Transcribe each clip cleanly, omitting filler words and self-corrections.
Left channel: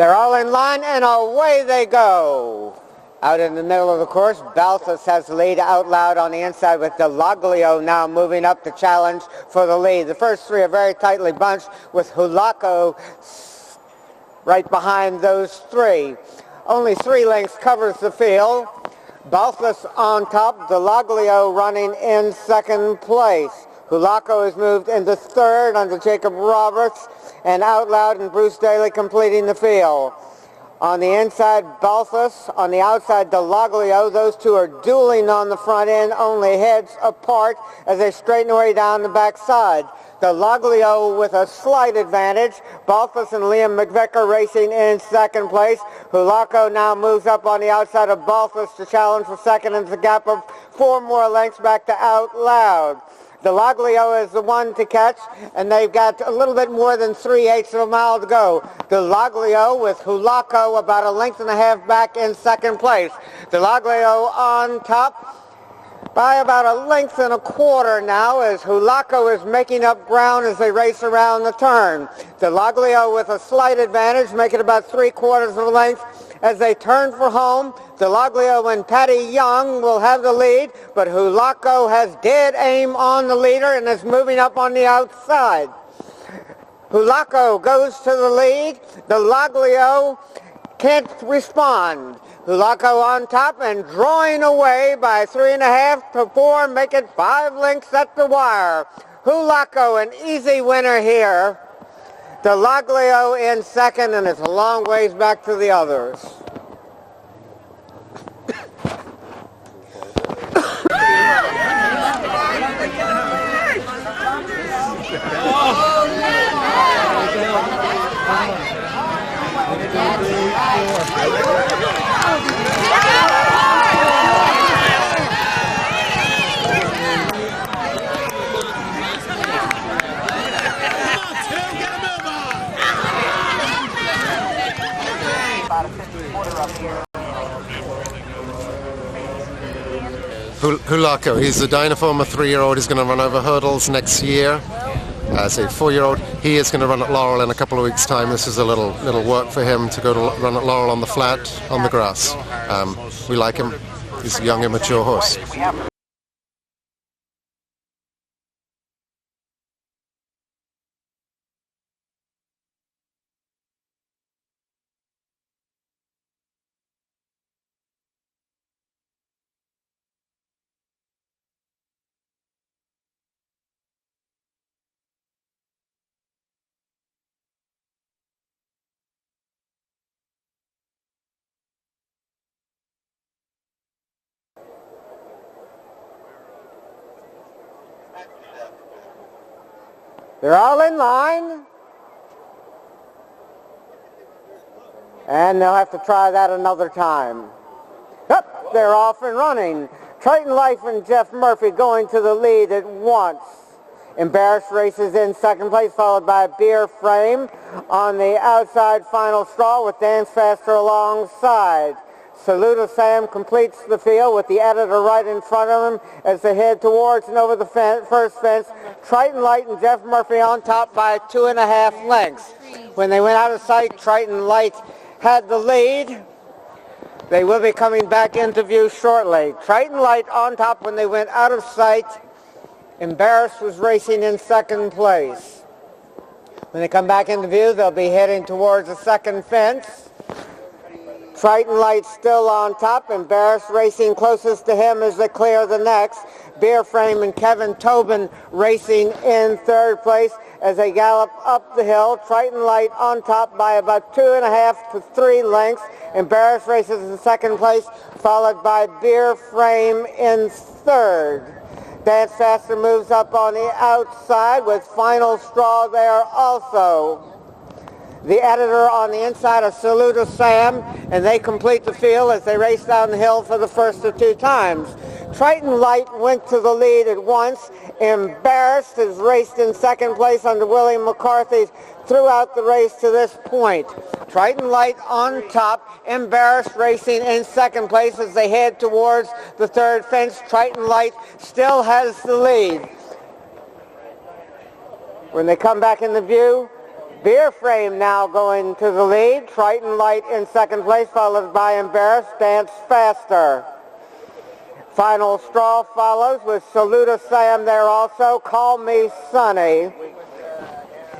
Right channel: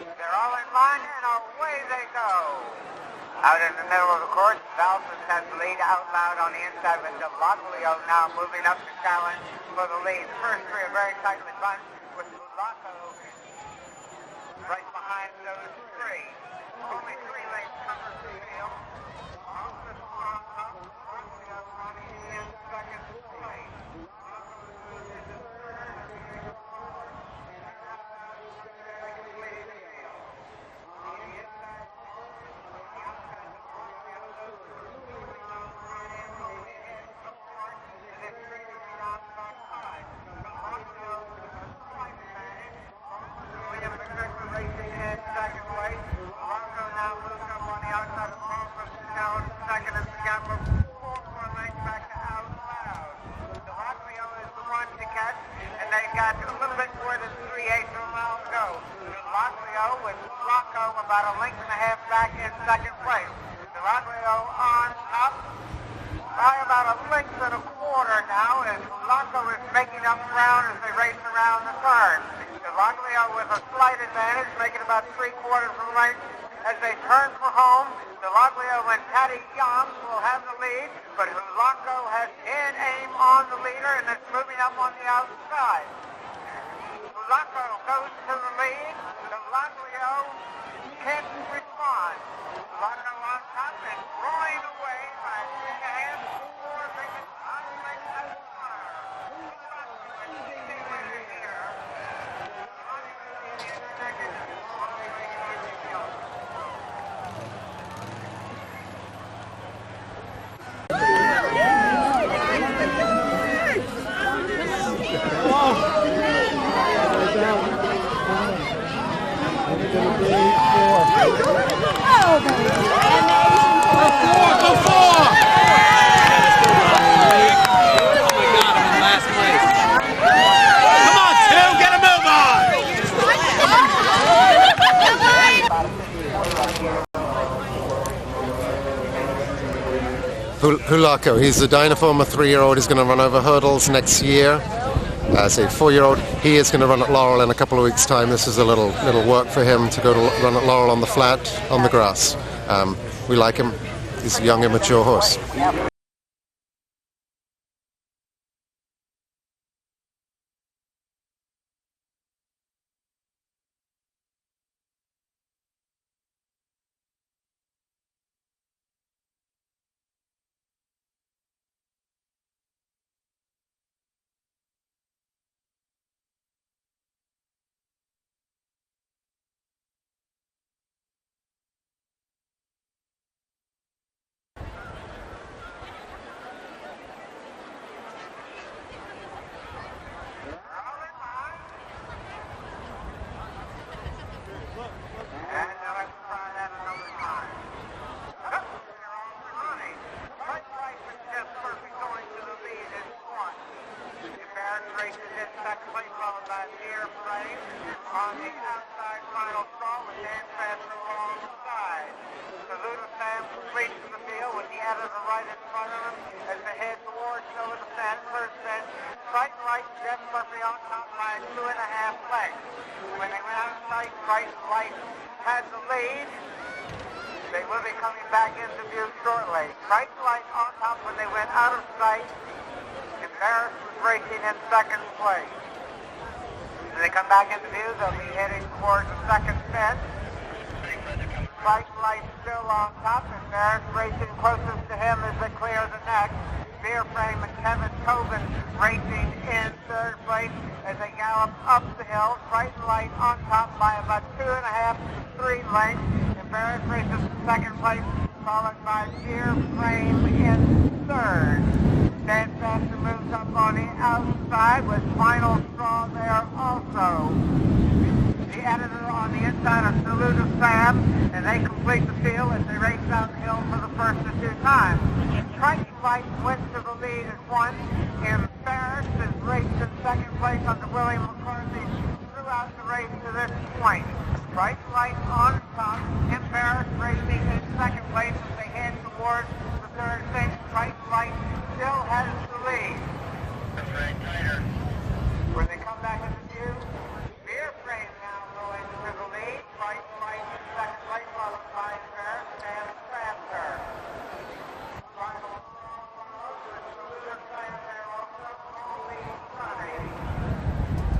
They're all in line, and away they go. Out in the middle of the course, Balthus has the lead out loud on the inside with Delaglio now moving up the challenge for the lead. The first three are very tightly bunched with Hulaco right behind those three. Only 3 lengths covers the field. Balthus on top, Delaglio running in second place. Hulaco has moved into third under Jacob Roberts, and Out Loud and Bruce Daly completing the field. On the inside, Balthus. On the outside, Delaglio. Those two are dueling on the front end, only heads apart as they straighten away down the backside. Delaglio with a slight advantage. Balthus and Liam McVicker racing in second place. Hulaco now moves up on the outside of Balthus to challenge for second, and the gap of 4 more lengths back to Out Loud. Delaglio is the one to catch, and they've got a little bit more than 3/8 of a mile to go. Delaglio with Hulaco about a length and a half back in second place. Delaglio on top by about a length and a quarter now as Hulaco is making up ground as they race around the turn. Delaglio with a slight advantage, making about 3/4 of a length as they turn for home. Delaglio and Patty Young will have the lead, but Hulaco has dead aim on the leader and is moving up on the outside. Hulaco goes to the lead. Delaglio can't respond. Hulaco on top and drawing away by 3.5 to 4, make it 5 lengths at the wire. Hulaco, an easy winner here. Delaglio in second, and it's a long ways back to the others. Hulaco, he's a Dynaform, a 3-year-old. He's going to run over hurdles next year. As a 4-year-old, he is going to run at Laurel in a couple of weeks' time. This is a little work for him to go to run at Laurel on the flat, on the grass. We like him. He's a young, immature horse. They're all in line. And they'll have to try that another time. Yep, they're off and running. Triton Life and Jeff Murphy going to the lead at once. Embarrassed races in second place, followed by Beer Frame on the outside final straw with Dance Faster alongside. Saluda Sam completes the field with the editor right in front of him as they head towards and over the first fence. Triton Light and Jeff Murphy on top by 2.5 lengths. When they went out of sight, Triton Light had the lead. They will be coming back into view shortly. Triton Light on top when they went out of sight. Embarrassed was racing in second place. When they come back into view, they'll be heading towards the second fence. Triton Light still on top. Embarrassed racing closest to him as they clear the next. Beer Frame and Kevin Tobin racing in third place as they gallop up the hill. Triton Light on top by about 2.5 to 3 lengths. Embarrassed races in second place, followed by Beer Frame in third. Dance Faster moves up on the outside with final straw there also. The editor on the inside of Saluda Sam, and they complete the field as they race down the hill for the first of 2 times. Triton Light went to the lead at once. Embarrassed has raced in second place under William McCarthy throughout the race to this point. Triton Light on top. Embarrassed racing in second place as they head towards the third fence. Triton Light still has the lead. When they come back into view, Beer Frame now going to the lead. Triton Light in second place, followed by Embarrassed Dance Faster. Final Straw follows with Saluda Sam there also. Call Me Sonny.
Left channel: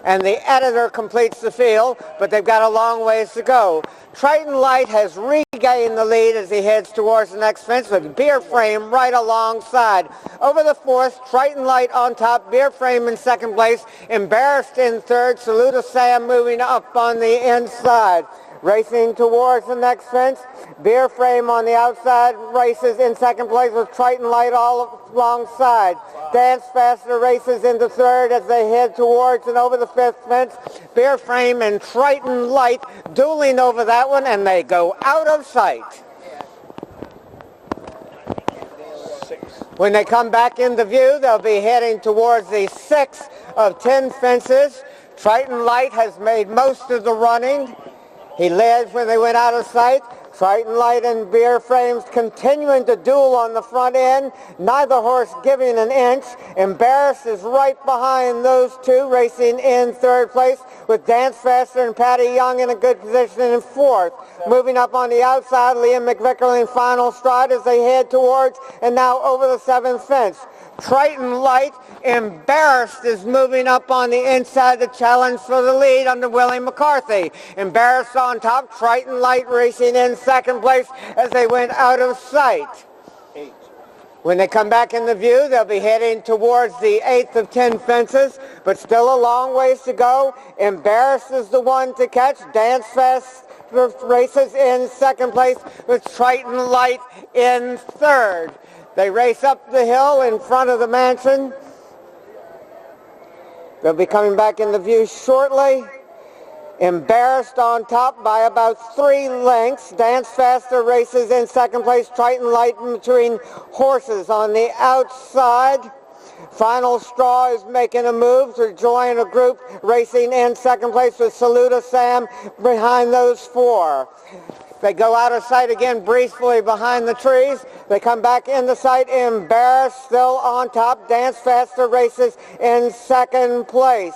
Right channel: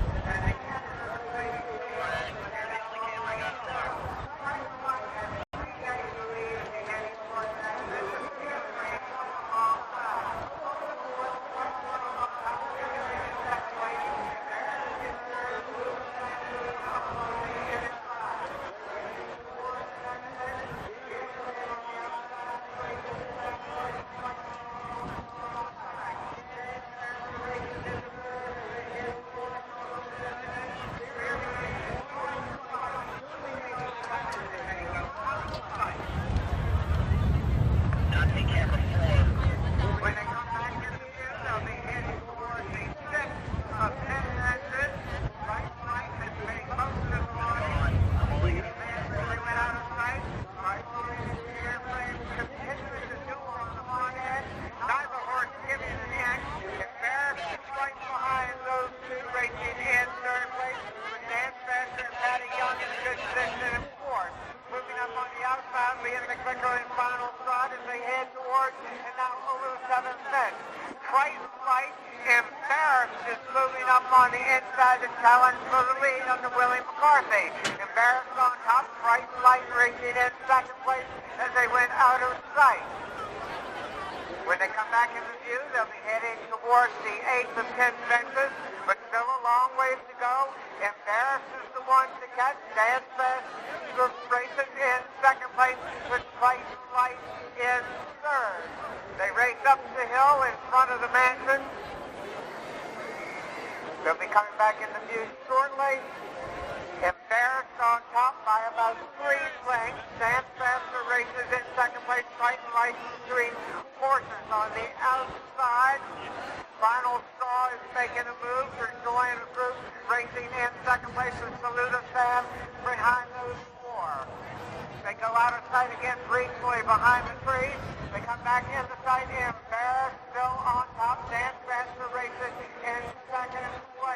And the editor completes the field, but they've got a long ways to go. Triton Light has regained the lead as he heads towards the next fence, with Beer Frame right alongside. Over the fourth, Triton Light on top, Beer Frame in second place, Embarrassed in third, Saluda Sam moving up on the inside. Racing towards the next fence, Beer Frame on the outside races in second place with Triton Light all alongside. Dance Faster races into third as they head towards and over the fifth fence. Beer Frame and Triton Light dueling over that one, and they go out of sight. When they come back into view, they'll be heading towards the 6th of 10 fences. Triton Light has made most of the running. He led when they went out of sight. Triton Light and Beer Frames continuing to duel on the front end. Neither horse giving an inch. Embarrassed is right behind those two, racing in third place, with Dance Faster and Patty Young in a good position in fourth. Moving up on the outside, Liam McVicker in final stride as they head towards and now over the 7th fence. Triton Light, Embarrassed, is moving up on the inside, the challenge for the lead under Willie McCarthy. Embarrassed on top, Triton Light racing in second place as they went out of sight. When they come back into view, they'll be heading towards the 8th of 10 fences, but still a long ways to go. Embarrassed is the one to catch. Dance Fast races in second place with Triton Light in third. They race up the hill in front of the mansion. They'll be coming back into view shortly. Embarrassed on top by about 3 lengths. Dance Faster races in second place. Triton Light in between horses on the outside. Final Straw is making a move to join a group racing in second place with Saluda Sam behind those 4. They go out of sight again briefly behind the trees. They come back into sight. Embarrassed still on top. Dance Faster races in second place.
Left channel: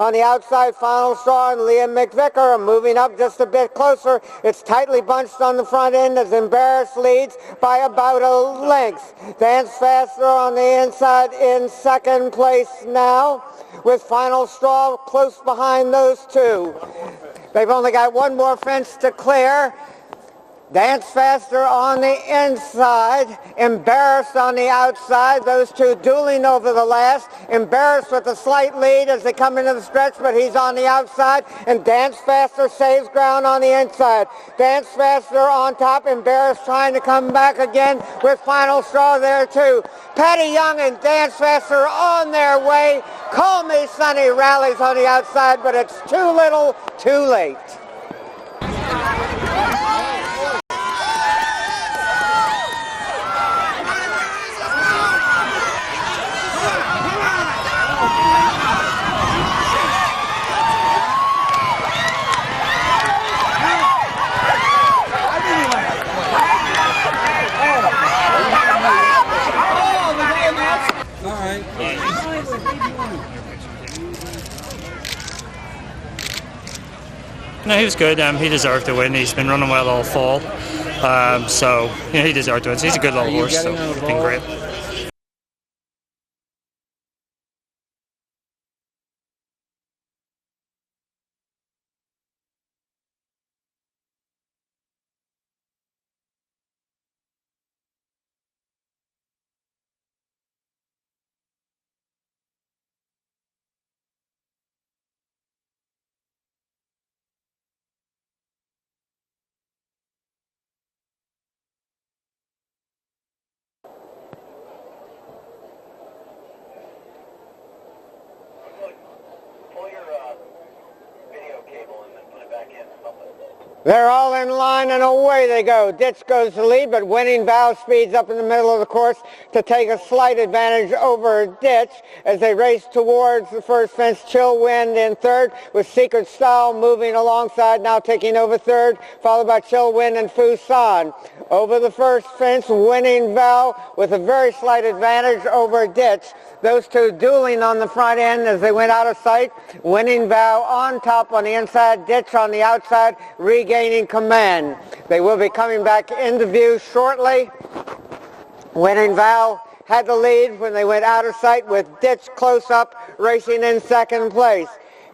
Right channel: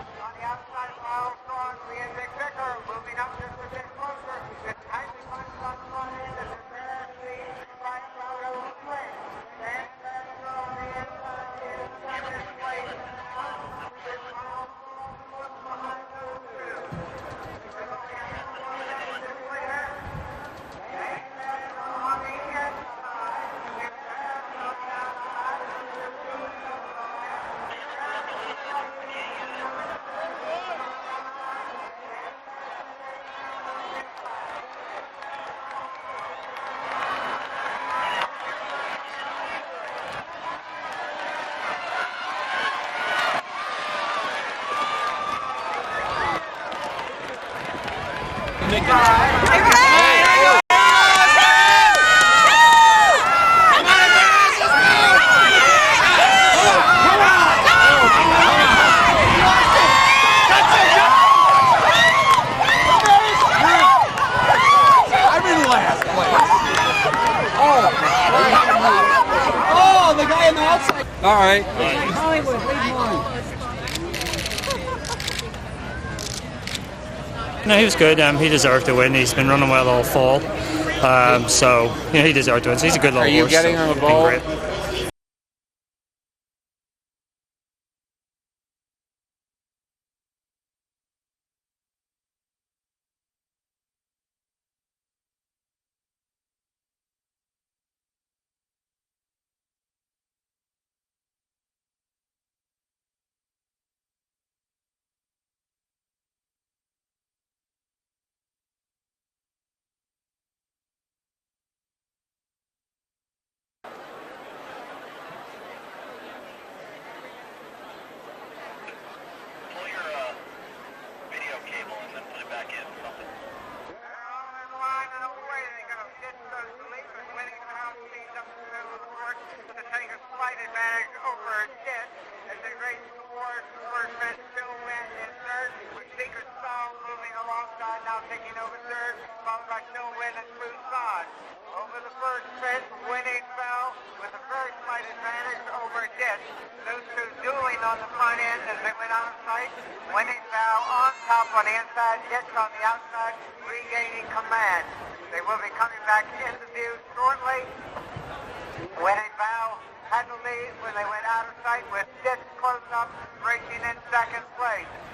On the outside, Final Straw and Liam McVicker are moving up just a bit closer. It's tightly bunched on the front end as Embarrassed leads by about a length. Dance Faster on the inside in second place now, with Final Straw close behind those 2. They've only got one more fence to clear. Dance Faster on the inside, Embarrassed on the outside, those 2 dueling over the last. Embarrassed with a slight lead as they come into the stretch, but he's on the outside, and Dance Faster saves ground on the inside. Dance Faster on top, Embarrassed trying to come back again with Final Straw there too. Patty Young and Dance Faster on their way. Call Me Sonny rallies on the outside, but it's too little, too late. All right. No, he was good. He deserved to win. He's been running well all fall. So, he deserved to win. So he's a good little horse. Are you getting on the ball? Been great. They're all in line and away they go. Ditch goes to lead, but Winning Vow speeds up in the middle of the course to take a slight advantage over Ditch as they race towards the first fence. Chill Wind in third, with Secret Style moving alongside, now taking over third, followed by Chill Wind and Fusan. Over the first fence, Winning Vow with a very slight advantage over Ditch. Those two dueling on the front end as they went out of sight. Winning Vow on top on the inside, Ditch on the outside, regaining command. They will be coming back into view shortly. Winning Vow had the lead when they went out of sight, with Ditch close up, racing in second place.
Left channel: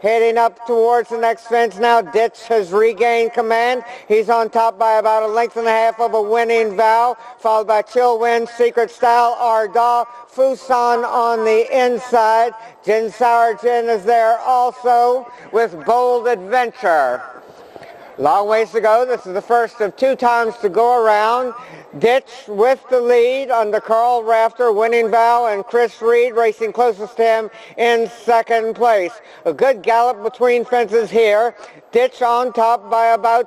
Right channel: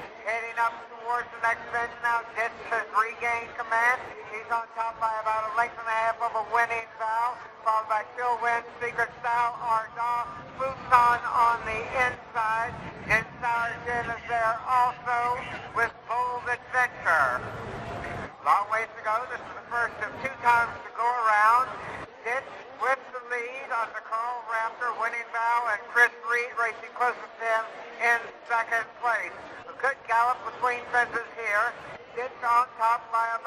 Heading up towards the next fence now, Ditch has regained command. He's on top by about a length and a half of a Winning Vow, followed by Chill Wind, Secret Style, Ardaw, Fusan on the inside. Jin Sour Jin is there also with Bold Adventure. Long ways to go. This is the first of 2 times to go around. Ditch with the lead under Carl Rafter, Winning Vow, and Chris Reed racing closest to him in second place. A good gallop between fences here. Ditch on top by about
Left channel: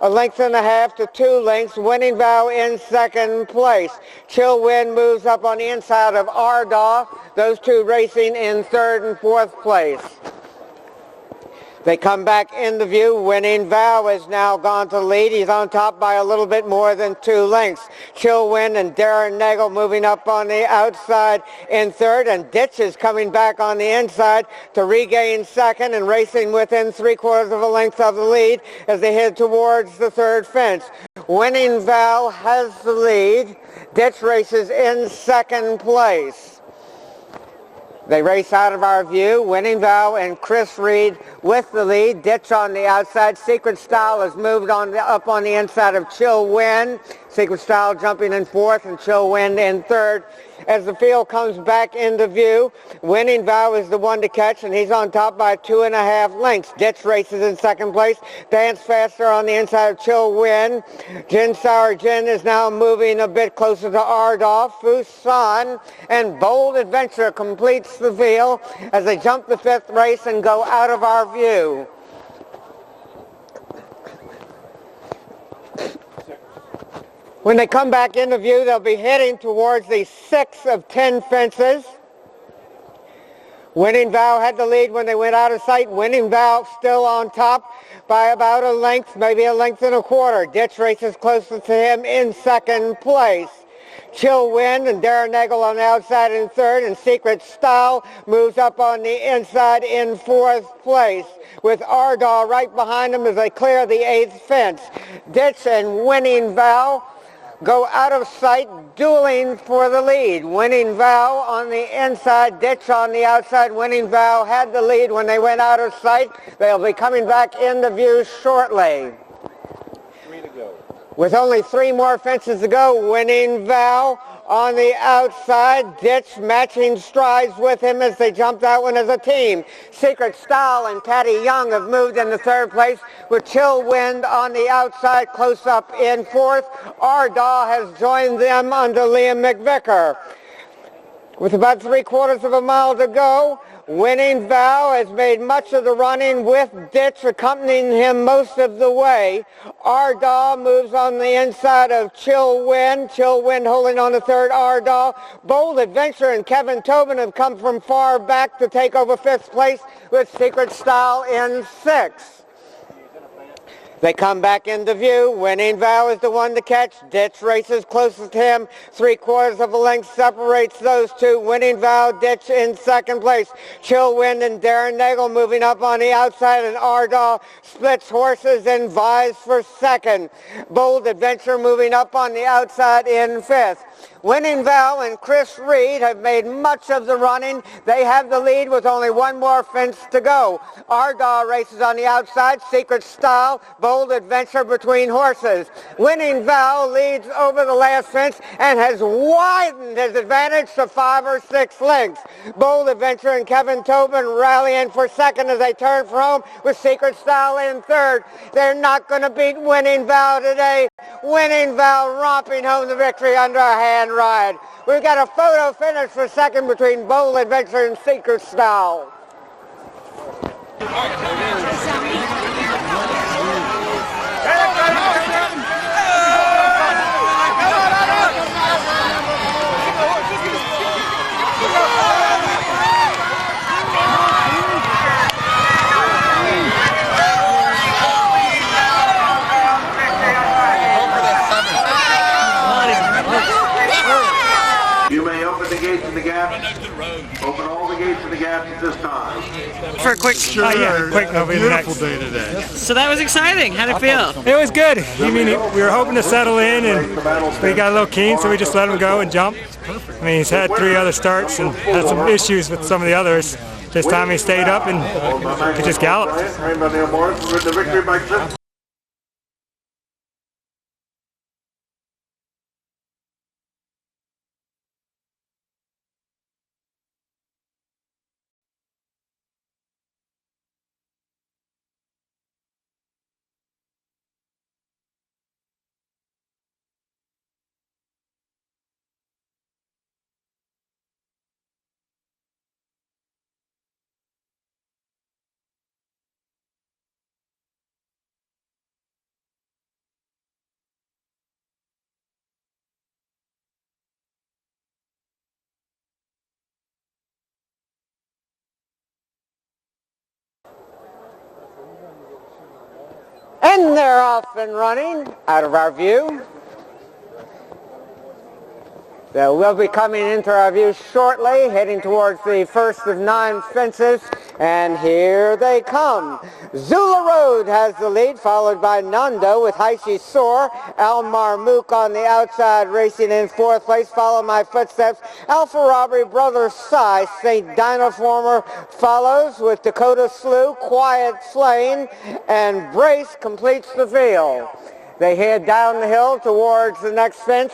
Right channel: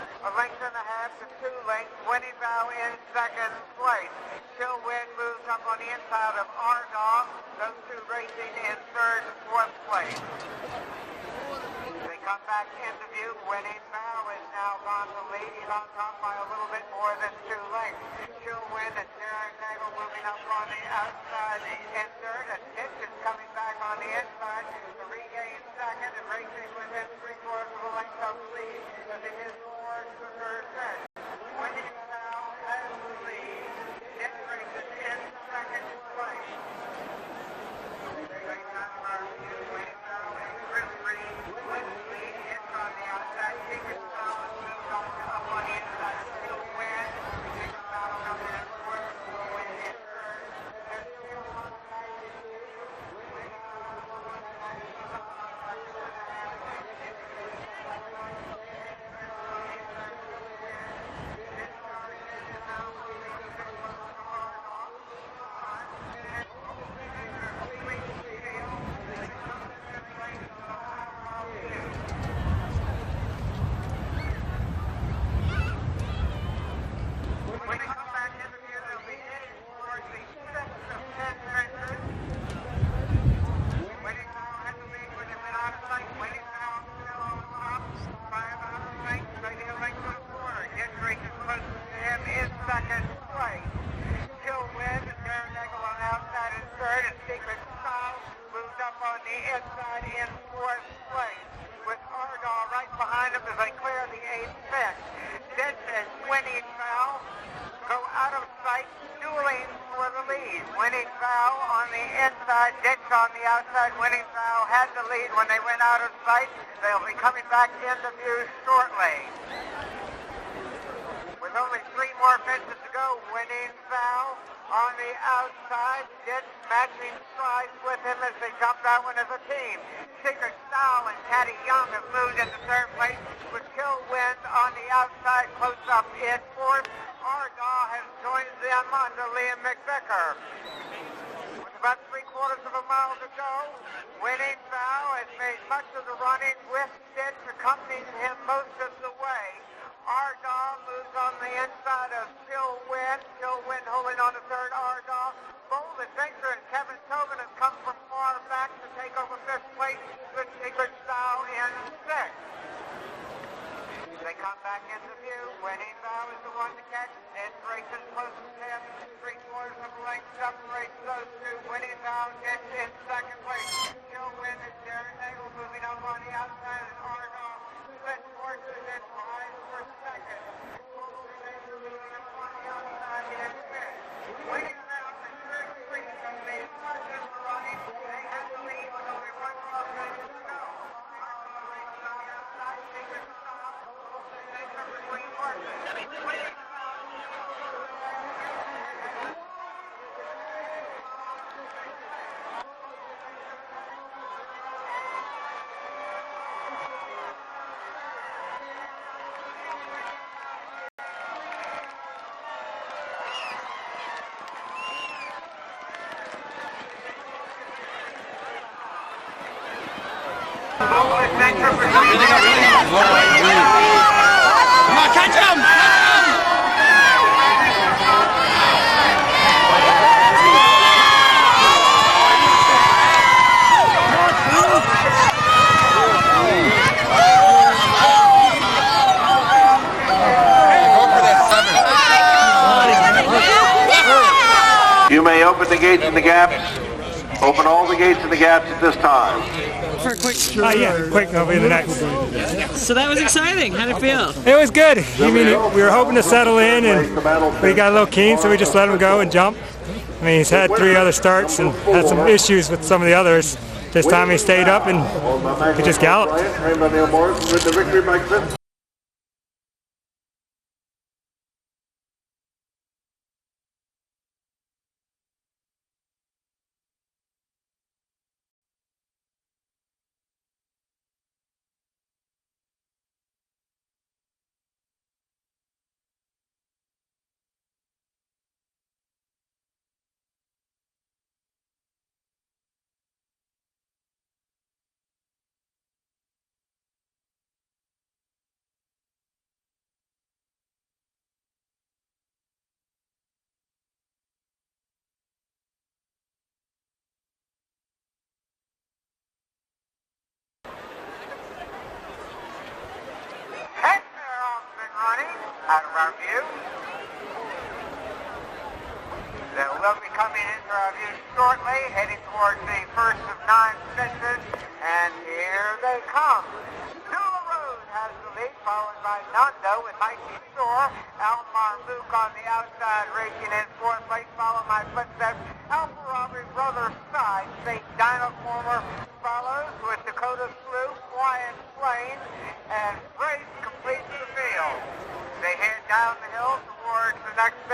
a length and a half to 2 lengths. Winning Vow in second place. Chill Wind moves up on the inside of Ardaw. Those two racing in third and fourth place. They come back into view. Winning Vow has now gone to lead. He's on top by a little bit more than 2 lengths. Chill Wind and Darren Nagel moving up on the outside in third, and Ditch is coming back on the inside to regain second and racing within 3/4 of a length of the lead as they head towards the third fence. Winning Vow has the lead. Ditch races in second place. They race out of our view. Winning Vow and Chris Reed with the lead. Ditch on the outside. Secret Style has moved on up on the inside of Chill Wind. Secret Style jumping in fourth and Chill Wind in third. As the field comes back into view, Winning Vow is the one to catch, and he's on top by 2.5 lengths. Ditch races in second place. Dance Faster on the inside of Chill Wind. Jin Sour Jin is now moving a bit closer to Ardaw. Fusan and Bold Adventure completes the field as they jump the 5th race and go out of our view. When they come back into view, they'll be heading towards the 6th of 10 fences. Winning Vow had the lead when they went out of sight. Winning Vow still on top by about a length, maybe a length and a quarter. Ditch races closest to him in second place. Chill Wind and Darren Nagel on the outside in third, and Secret Style moves up on the inside in fourth place, with Ardaw right behind them as they clear the 8th fence. Ditch and Winning Vow go out of sight, dueling for the lead. Winning Vow on the inside, Ditch on the outside. Winning Vow had the lead when they went out of sight. They'll be coming back into view shortly. With only 3 more fences to go, Winning Vow on the outside. Ditch matching strides with him as they jump that one as a team. Secret Style and Caddy Young have moved into third place, with Chill Wind on the outside close up in fourth. Ardaw has joined them under Liam McVicker. With about 3/4 of a mile to go, Winning Vow has made much of the running with Ditch accompanying him most of the way. Ardaw moves on the inside of Chill Wind. Chill Wind holding on to third. Ardaw. Bold Adventure and Kevin Tobin have come from far back to take over 5th place, with Secret Style in 6th. They come back into view. Winning Vow is the one to catch. Ditch races closest to him. 3/4 of a length separates those two. Winning Vow, Ditch in second place. Chill Wind and Darren Nagel moving up on the outside, and Ardaw splits horses and vies for second. Bold Adventure moving up on the outside in 5th. Winning Vow and Chris Reed have made much of the running. They have the lead with only 1 more fence to go. Ardaw races on the outside. Secret Style, Bold Adventure between horses. Winning Vow leads over the last fence and has widened his advantage to 5 or 6 lengths. Bold Adventure and Kevin Tobin rallying for second as they turn for home, with Secret Style in third. They're not going to beat Winning Vow today. Winning Vow romping home the victory under a hand ride. We've got a photo finish for second between Bold Adventure and Secret Style. You may open the gates in the gap. Open all the gates and the gaps at this time. For a quick, Yeah, quick, that'll be the next. so that was exciting. How'd it feel? It was good. I mean, we were hoping to settle in, and we got a little keen, so we just let him go and jump. I mean, he's had 3 other starts and had some issues with some of the others. This time he stayed up and could just gallop. And they're off and running out of our view. We'll be coming into our view shortly, heading towards the first of 9 fences, and here they come. Zula Road has the lead, followed by Nando with Heishi Soar. Al Marmook on the outside, racing in 4th place. Follow my footsteps. Alpha Robbery, Brother Sai. St. Dinoformer follows with Dakota Slew, Quiet Flame, and Brace completes the field. They head down the hill towards the next fence.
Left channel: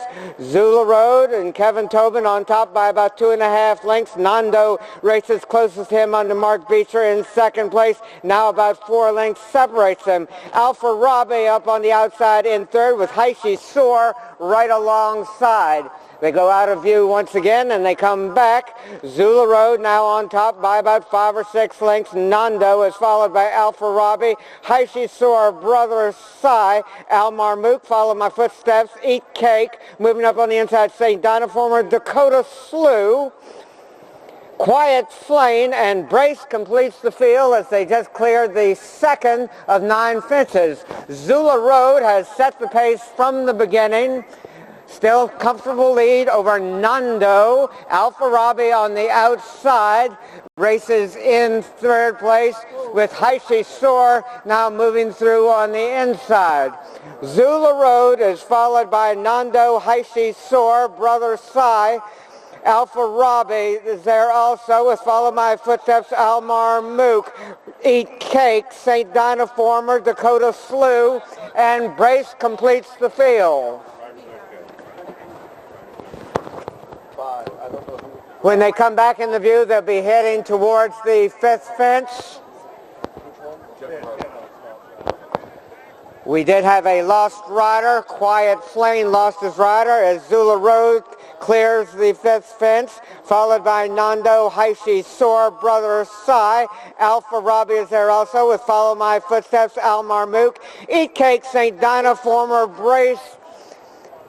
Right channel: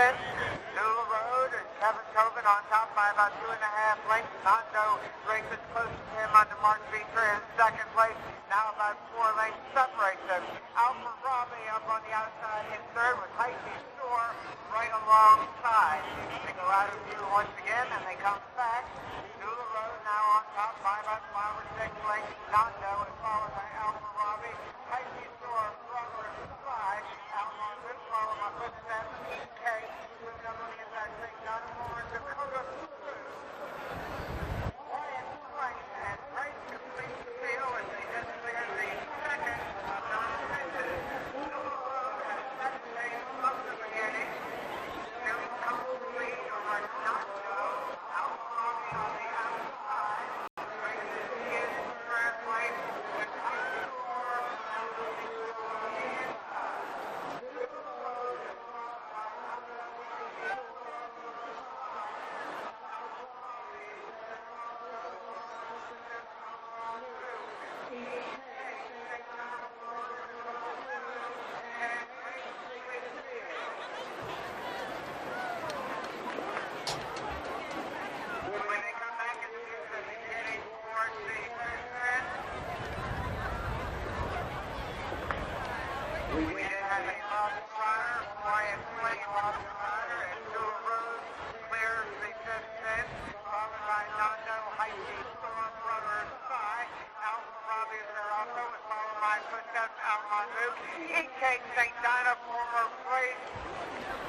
Zula Road and Kevin Tobin on top by about 2.5 lengths. Nando races closest to him under Mark Beecher in 2nd place. Now about 4 lengths separates them. Alpha Rabe up on the outside in 3rd with Heishi Soar right alongside. They go out of view once again and they come back. Zula Road now on top by about 5 or 6 lengths. Nando is followed by Alpha Robbie. Heishi Soar, Brother Sai. Al Marmook, follow my footsteps. Eat Cake. Moving up on the inside, St. Dinoformer. Dakota Slew. Quiet Flame and Brace completes the field as they just cleared the 2nd of 9 fences. Zula Road has set the pace from the beginning. Still comfortable lead over Nando. Alpha Robbie on the outside races in 3rd place with Heishi Soar now moving through on the inside. Zula Road is followed by Nando, Heishi Soar, Brother Sai. Alpha Robbie is there also with Follow My Footsteps, Al Marmook. Eat Cake, St. Dinoformer, Dakota Slew, and Brace completes the field. When they come back in the view, they'll be heading towards the 5th fence. We did have a lost rider. Quiet Flame lost his rider as Zula Road clears the 5th fence, followed by Nando, Heishi Soar, Brother Sai. Alpha Robbie is there also with Follow My Footsteps, Al Marmook. Eat Cake, St. Dinoformer, Brace,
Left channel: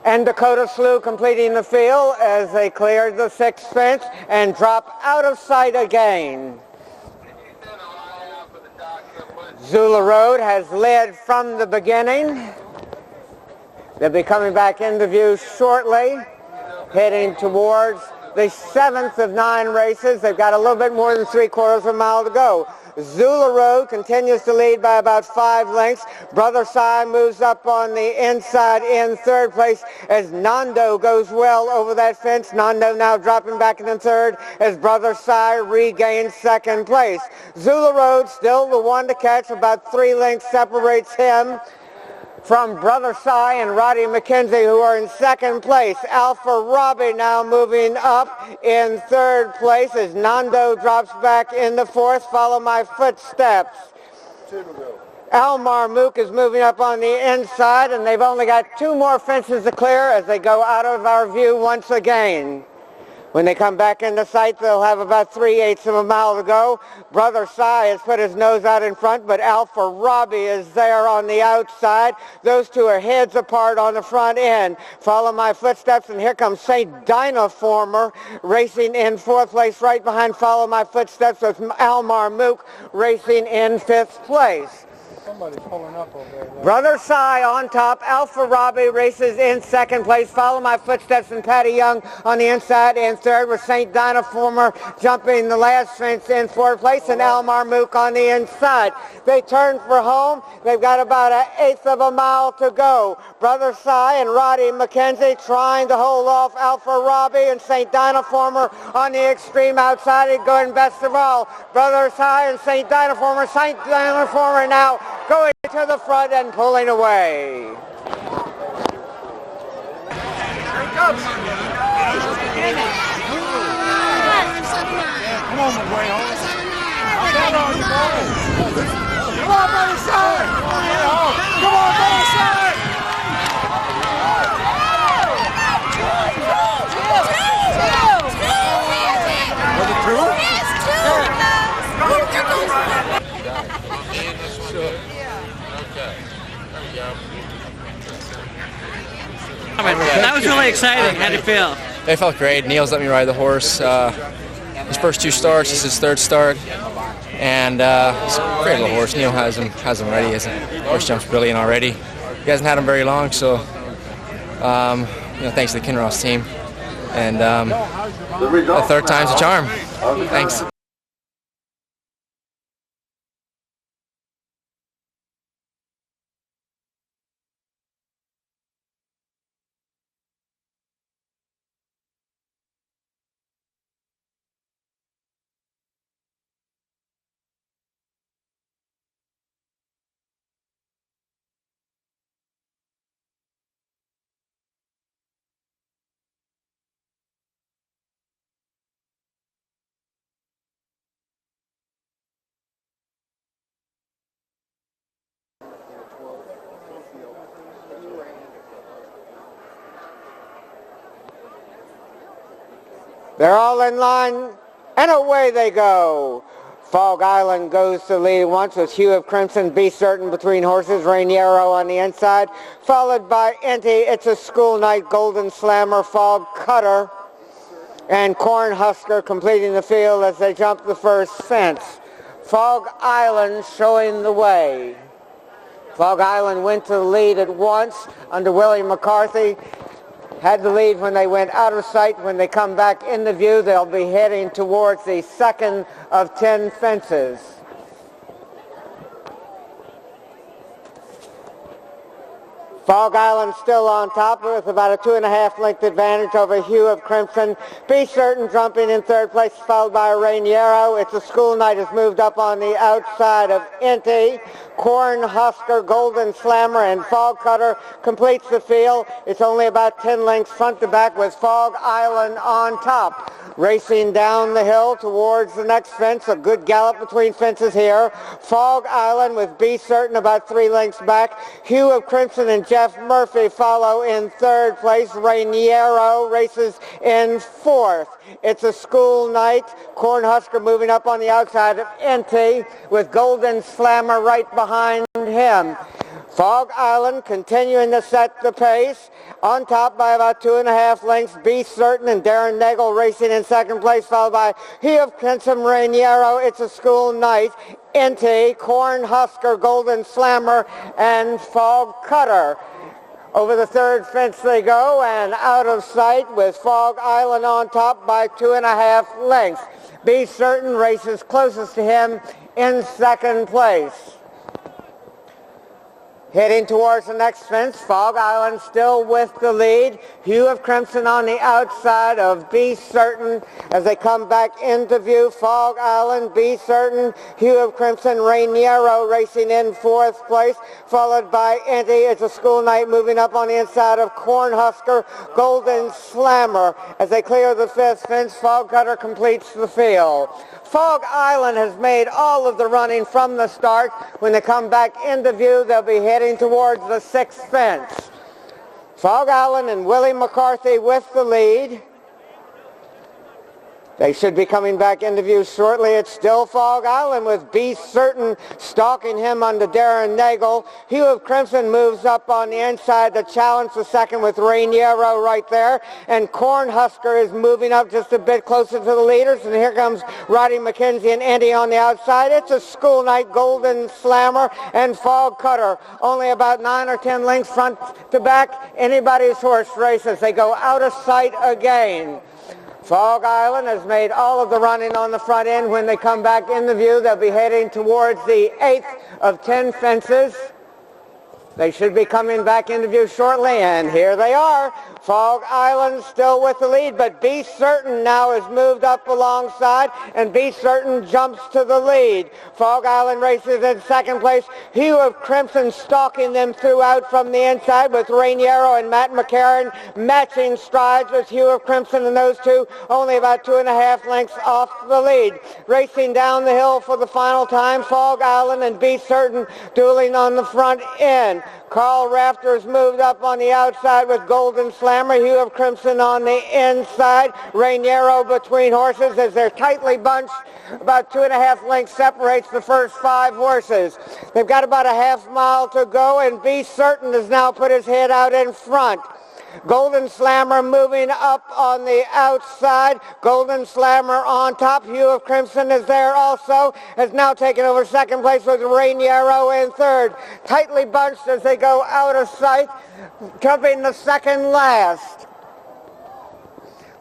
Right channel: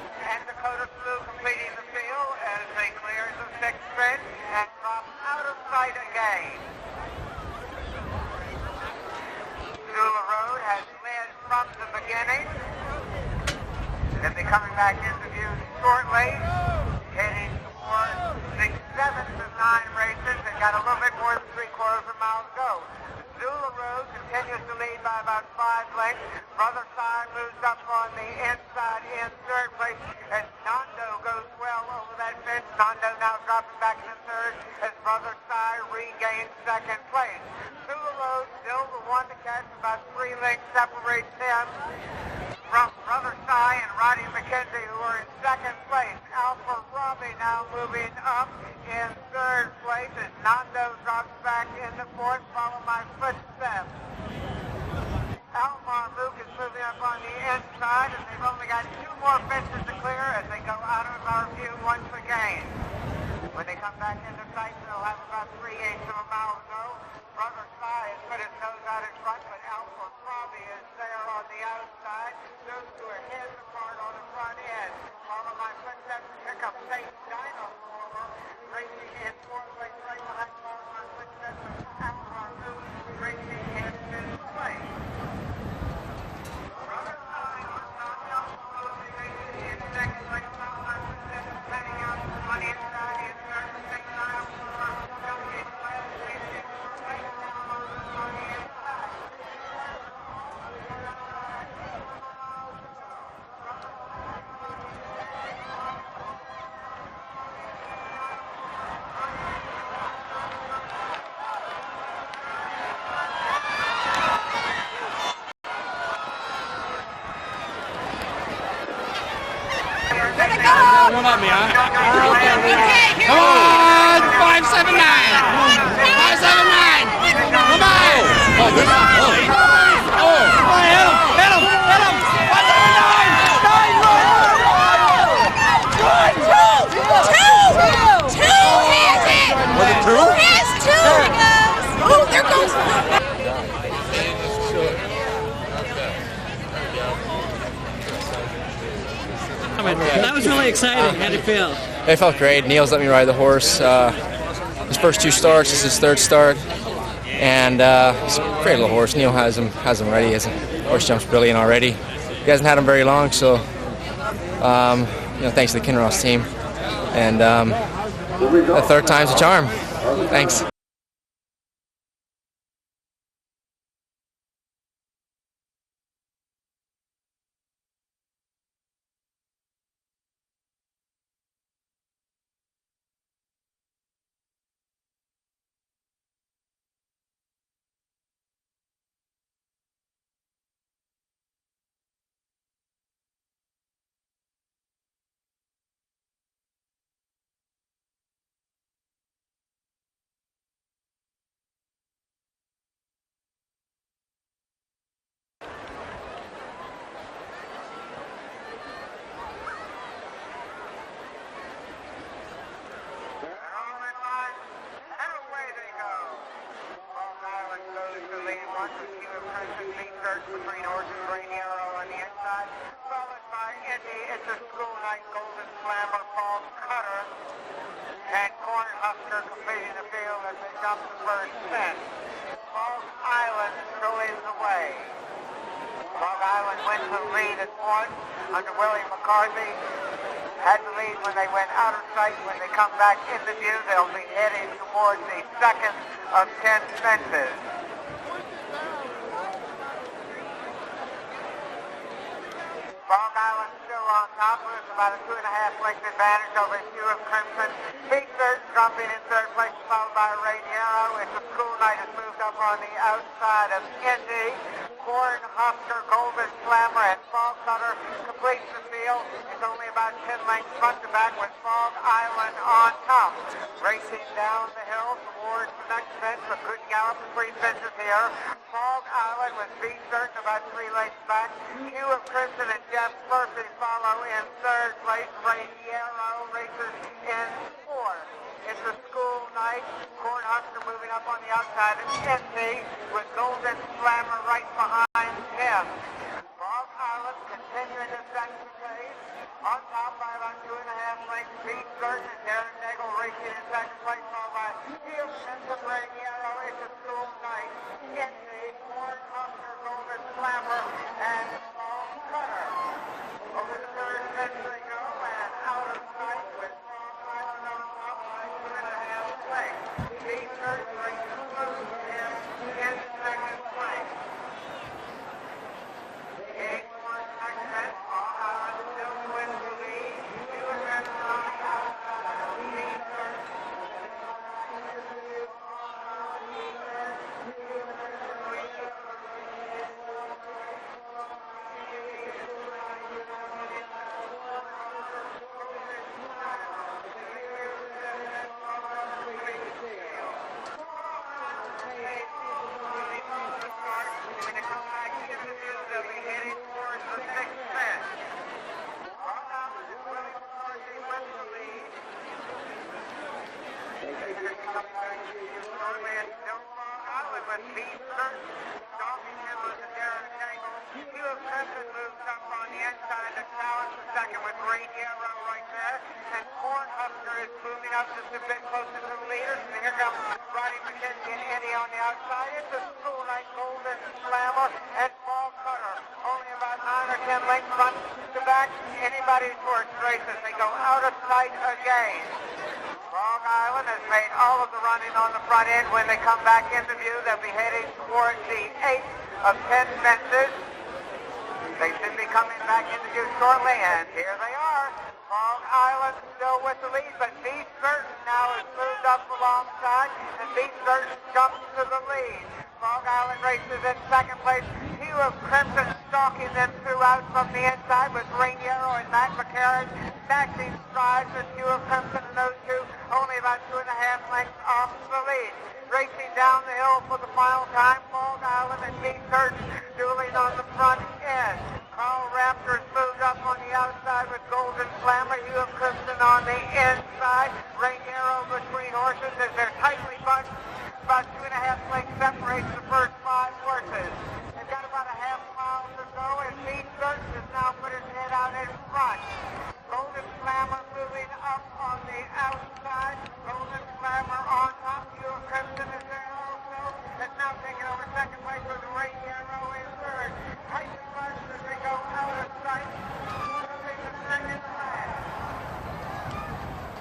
and Dakota Slew completing the field as they cleared the 6th fence and drop out of sight again. Zula Road has led from the beginning. They'll be coming back into view shortly, heading towards the 7th of 9 races. They've got a little bit more than 3/4 of a mile to go. Zula Road continues to lead by about 5 lengths. Brother Sai moves up on the inside in 3rd place as Nando goes well over that fence. Nando now dropping back in 3rd as Brother Sai regains 2nd place. Zula Road still the one to catch. About 3 lengths separates him from Brother Sai and Roddy McKenzie, who are in 2nd place. Alpha Robbie now moving up in 3rd place as Nando drops back into 4th. Follow My Footsteps. Al Marmook is moving up on the inside, and they've only got 2 more fences to clear as they go out of our view once again. When they come back into sight, they'll have about 3/8 of a mile to go. Brother Sai has put his nose out in front, but Alpha Robbie is there on the outside. Those 2 are heads apart on the front end. Follow My Footsteps, and here comes St. Dinoformer racing in 4th place right behind Follow My Footsteps with Al Marmook racing in 5th place. Somebody's pulling up over there. Brother Cy on top. Alpha Robbie races in second place. Follow my footsteps and Patty Young on the inside in third, with St. Dynaformer jumping the last fence in fourth place, and Al Marmook on the inside. They turn for home. They've got about an eighth of a mile to go. Brother Cy and Roddy McKenzie trying to hold off Alpha Robbie and St. Dynaformer on the extreme outside. And going best of all, Brother Cy and St. Dynaformer. St. Dynaformer now going to the front and pulling away. Come on, man. Come on! 579! 579! Come on! Was it two? Yes, two. Oh, there goes. That was really exciting. How'd it feel? It felt great. Neil's let me ride the horse. His first two starts, this is his third start, and he's a great little horse. Neil has him ready. His horse jumps brilliant already. He hasn't had him very long, so thanks to the Kinross team. And the third time's a charm. Thanks. They're all in line, and away they go. Fog Island goes to lead once with Hue of Crimson, Be Certain between horses, Rainiero on the inside, followed by Inti, It's a School Night, Golden Slammer, Fog Cutter, and Cornhusker completing the field as they jump the first fence. Fog Island showing the way. Fog Island went to the lead at once under Willie McCarthy. Had the lead when they went out of sight. When they come back into view, they'll be heading towards the second of 10 fences. Fog Island still on top with about a 2.5 length advantage over Hue of Crimson. Be Certain jumping in third place, followed by Rainiero. It's a School Night has moved up on the outside of Inti. Cornhusker, Golden Slammer, and Fog Cutter completes the field. It's only about 10 lengths front to back with Fog Island on top. Racing down the hill towards the next fence, a good gallop between fences here. Fog Island with Be Certain about 3 lengths back. Hue of Crimson and Jeff Murphy follow in third place. Rainiero races in fourth. It's a School Night. Cornhusker moving up on the outside of Inti with Golden Slammer right behind him. Fog Island continuing to set the pace. On top by about 2.5 lengths, Be Certain and Darren Nagel racing in second place, followed by Hue of Crimson, Rainiero, It's a School Night, Inti, Cornhusker, Golden Slammer, and Fog Cutter. Over the third fence they go and out of sight with Fog Island on top by 2.5 lengths. Be Certain races closest to him in second place. Heading towards the next fence, Fog Island still with the lead. Hue of Crimson on the outside of Be Certain as they come back into view. Fog Island, Be Certain, Hue of Crimson, Rainiero racing in fourth place, followed by Inti. It's a School Night moving up on the inside of Cornhusker, Golden Slammer. As they clear the fifth fence, Fog Cutter completes the field. Fog Island has made all of the running from the start. When they come back into view, they'll be heading towards the sixth fence. Fog Island and Willie McCarthy with the lead. They should be coming back into view shortly. It's still Fog Island with Be Certain stalking him under Darren Nagel. Hue of Crimson moves up on the inside to challenge the second with Rainiero right there. And Cornhusker is moving up just a bit closer to the leaders. And here comes Roddy McKenzie and Andy on the outside. It's a school night. Golden Slammer and Fog Cutter. Only about 9 or 10 lengths front to back. Anybody's horse races. They go out of sight again. Fog Island has made all of the running on the front end. When they come back into view, they'll be heading towards the 8th of 10 fences. They should be coming back into view shortly, and here they are. Fog Island still with the lead, but Be Certain now has moved up alongside, and Be Certain jumps to the lead. Fog Island races in second place. Hue of Crimson stalking them throughout from the inside with Rainiero and Matt McCarron matching strides with Hue of Crimson, and those two only about 2.5 lengths off the lead. Racing down the hill for the final time, Fog Island and Be Certain dueling on the front end. Carl Rafter's moved up on the outside with Golden Slammer. Hue of Crimson on the inside. Rainiero between horses as they're tightly bunched. About 2.5 lengths separates the first 5 horses. They've got about a half mile to go, and Be Certain has now put his head out in front. Golden Slammer moving up on the outside. Golden Slammer on top. Hue of Crimson is there also. Has now taken over second place with Rainiero in third. Tightly bunched as they go out of sight, jumping the second last.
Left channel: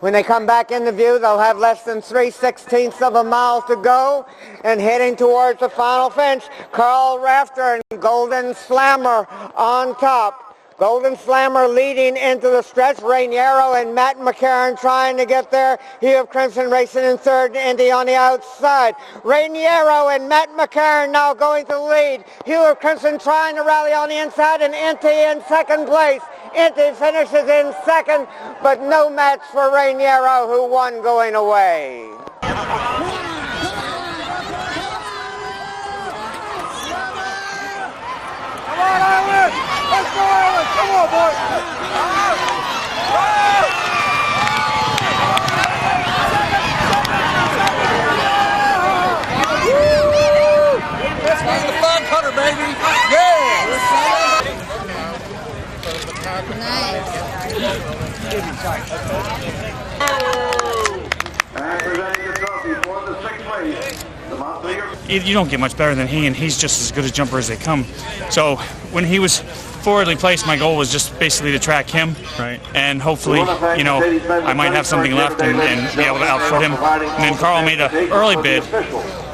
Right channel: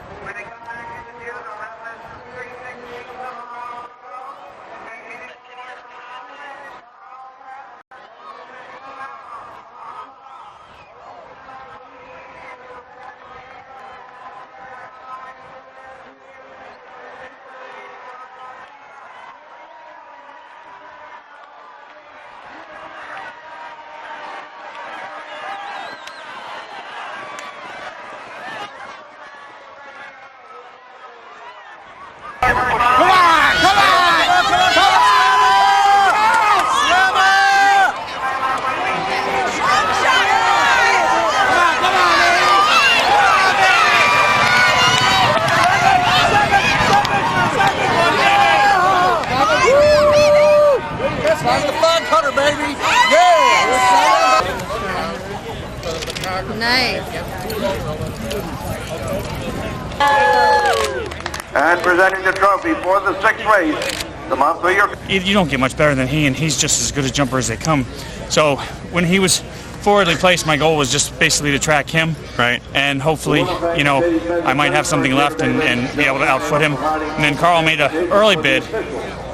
When they come back into view, they'll have less than 3/16 of a mile to go and heading towards the final fence. Carl Rafter and Golden Slammer on top. Golden Slammer leading into the stretch. Rainiero and Matt McCarron trying to get there. Hue of Crimson racing in third, Indy on the outside. Rainiero and Matt McCarron now going to the lead. Hue of Crimson trying to rally on the inside, and Indy in second place. Indy finishes in second, but no match for Rainiero, who won going away. Come on! Come on! Come on! That's the fun cutter, baby! Yeah! Nice. And presenting the trophy for the 6th race, the Montpelier. You don't get much better than he, and he's just as good a jumper as they come. So when he was forwardly placed, my goal was just basically to track him, right? And hopefully, you know, I might have something left and be able to outfoot him. And then Carl made an early bid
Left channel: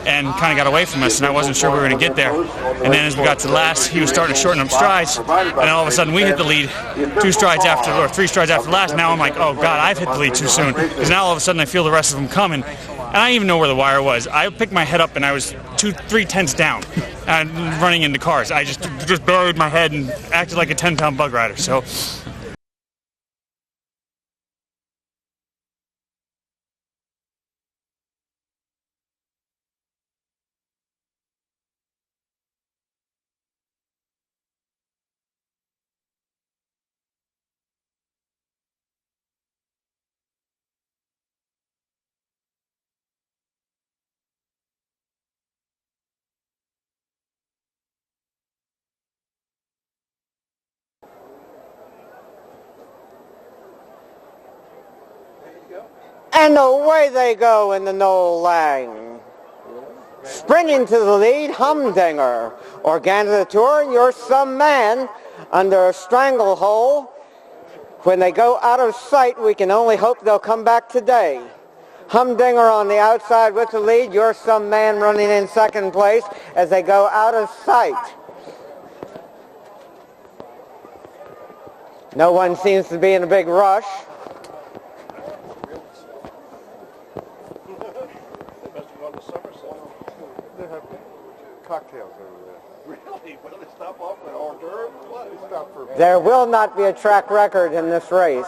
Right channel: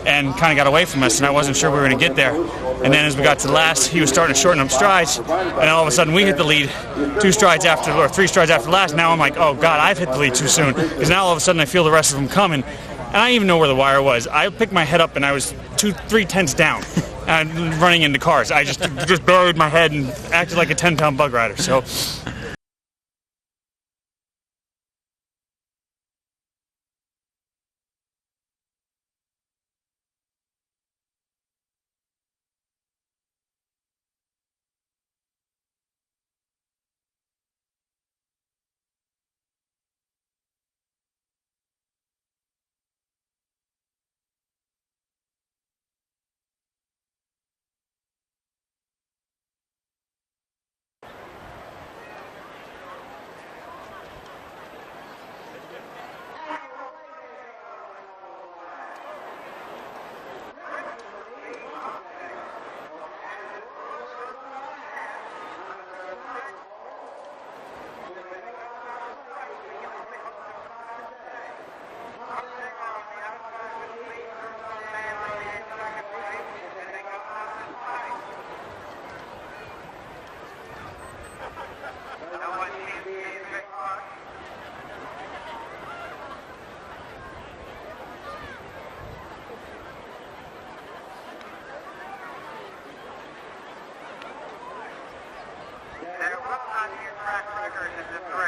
and kind of got away from us, and I wasn't sure we were going to get there. And then as we got to the last, he was starting to shorten up strides, and then all of a sudden we hit the lead 3 strides after the last. Now I'm like, oh God, I've hit the lead too soon, because now all of a sudden I feel the rest of them coming, and I didn't even know where the wire was. I picked my head up and I was 2-3 tenths down, and running into cars. I just buried my head and acted like a 10-pound bug rider. So. And away they go in the Noel Laing. Springing to the lead, Humdinger. Organ of the Tour, You're Some Man, under a stranglehold. When they go out of sight, we can only hope they'll come back today. Humdinger on the outside with the lead. You're Some Man running in second place as they go out of sight. No one seems to be in a big rush. There will not be a track record in this race.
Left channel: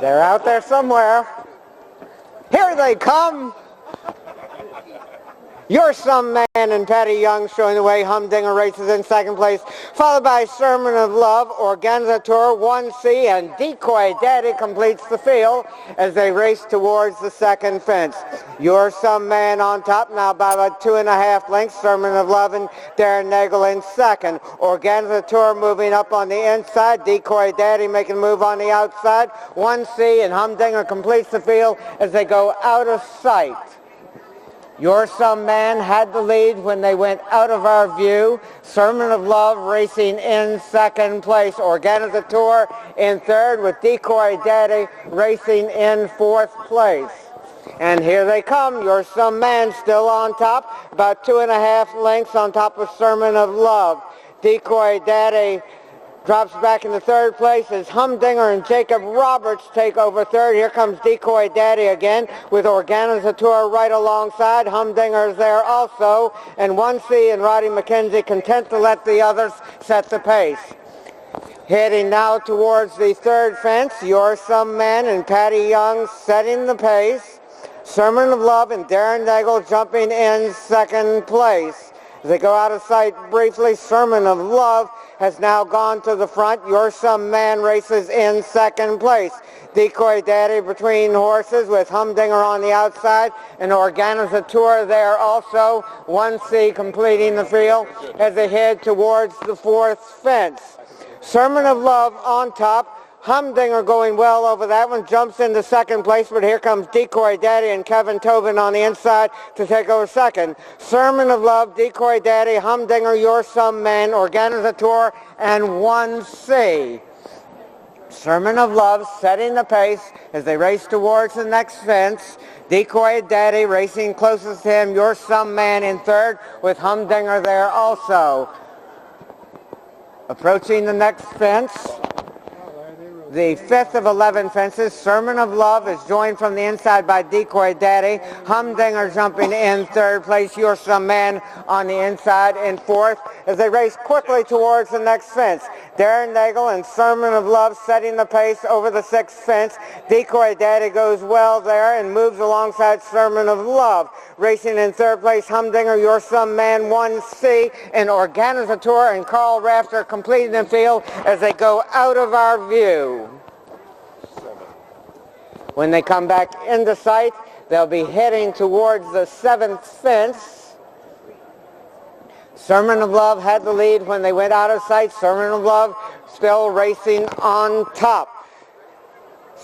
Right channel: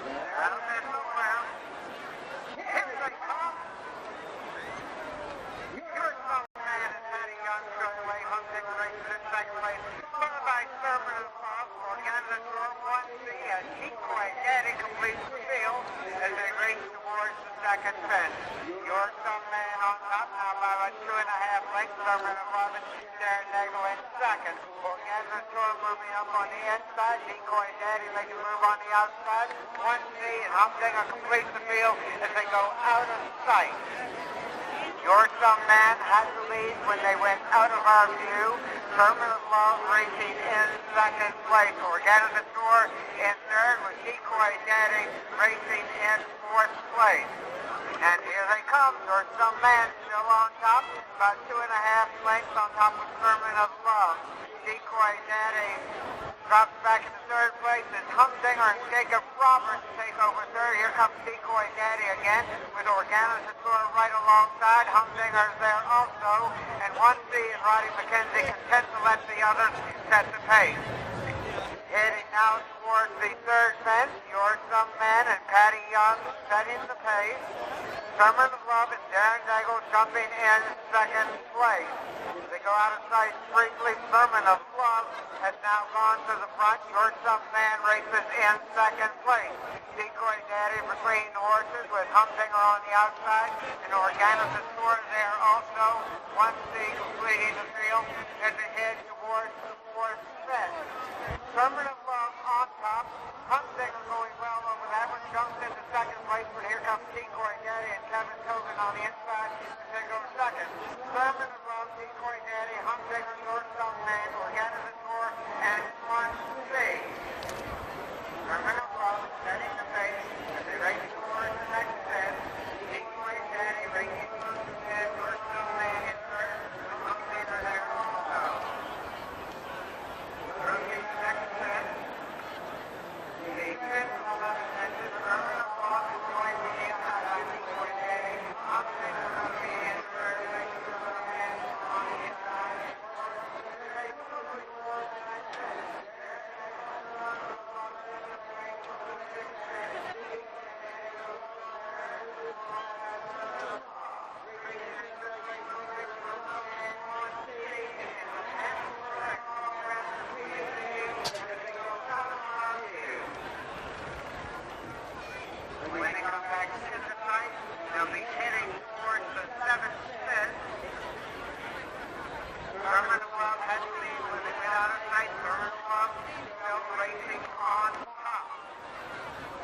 They're out there somewhere. Here they come. You're Some Man and Patty Young showing the way. Humdinger races in second place, followed by Sermon of Love, Organizator 1C, and Decoy Daddy completes the field as they race towards the second fence. You're Some Man on top now by about 2.5 lengths. Sermon of Love and Darren Nagel in second. Organizator moving up on the inside. Decoy Daddy making a move on the outside. 1C and Humdinger completes the field as they go out of sight. Your Some Man had the lead when they went out of our view. Sermon of Love racing in second place. Organizator in third with Decoy Daddy racing in fourth place. And here they come. Your Some Man still on top, about 2.5 lengths on top of Sermon of Love. Decoy Daddy drops back into third place as Humdinger and Jacob Roberts take over third. Here comes Decoy Daddy again with Organizator right alongside. Humdinger is there also. And 1C and Roddy McKenzie content to let the others set the pace. Heading now towards the third fence, Your Some Man and Patty Young setting the pace. Sermon of Love and Darren Nagel jumping in second place. As they go out of sight briefly, Sermon of Love has now gone to the front. Your Some Man races in second place. Decoy Daddy between horses with Humdinger on the outside and Organizator there also. 1C completing the field as they head towards the fourth fence. Sermon of Love on top. Humdinger going well over that one, jumps into second place, but here comes Decoy Daddy and Kevin Tobin on the inside to take over second. Sermon of Love, Decoy Daddy, Humdinger, Your Some Man, Organizator, and 1C. Sermon of Love setting the pace as they race towards the next fence. Decoy Daddy racing closest to him, Your Some Man in third with Humdinger there also. Approaching the next fence, the fifth of 11 fences. Sermon of Love is joined from the inside by Decoy Daddy. Humdinger jumping in third place. Your Some Man on the inside in fourth as they race quickly towards the next fence. Darren Nagel and Sermon of Love setting the pace over the sixth fence. Decoy Daddy goes well there and moves alongside Sermon of Love. Racing in third place, Humdinger, Your Some Man, 1C, and Organizator and Carl Rafter completing the field as they go out of our view. When they come back into sight, they'll be heading towards the seventh fence. Sermon of Love had the lead when they went out of sight. Sermon of Love still racing on top.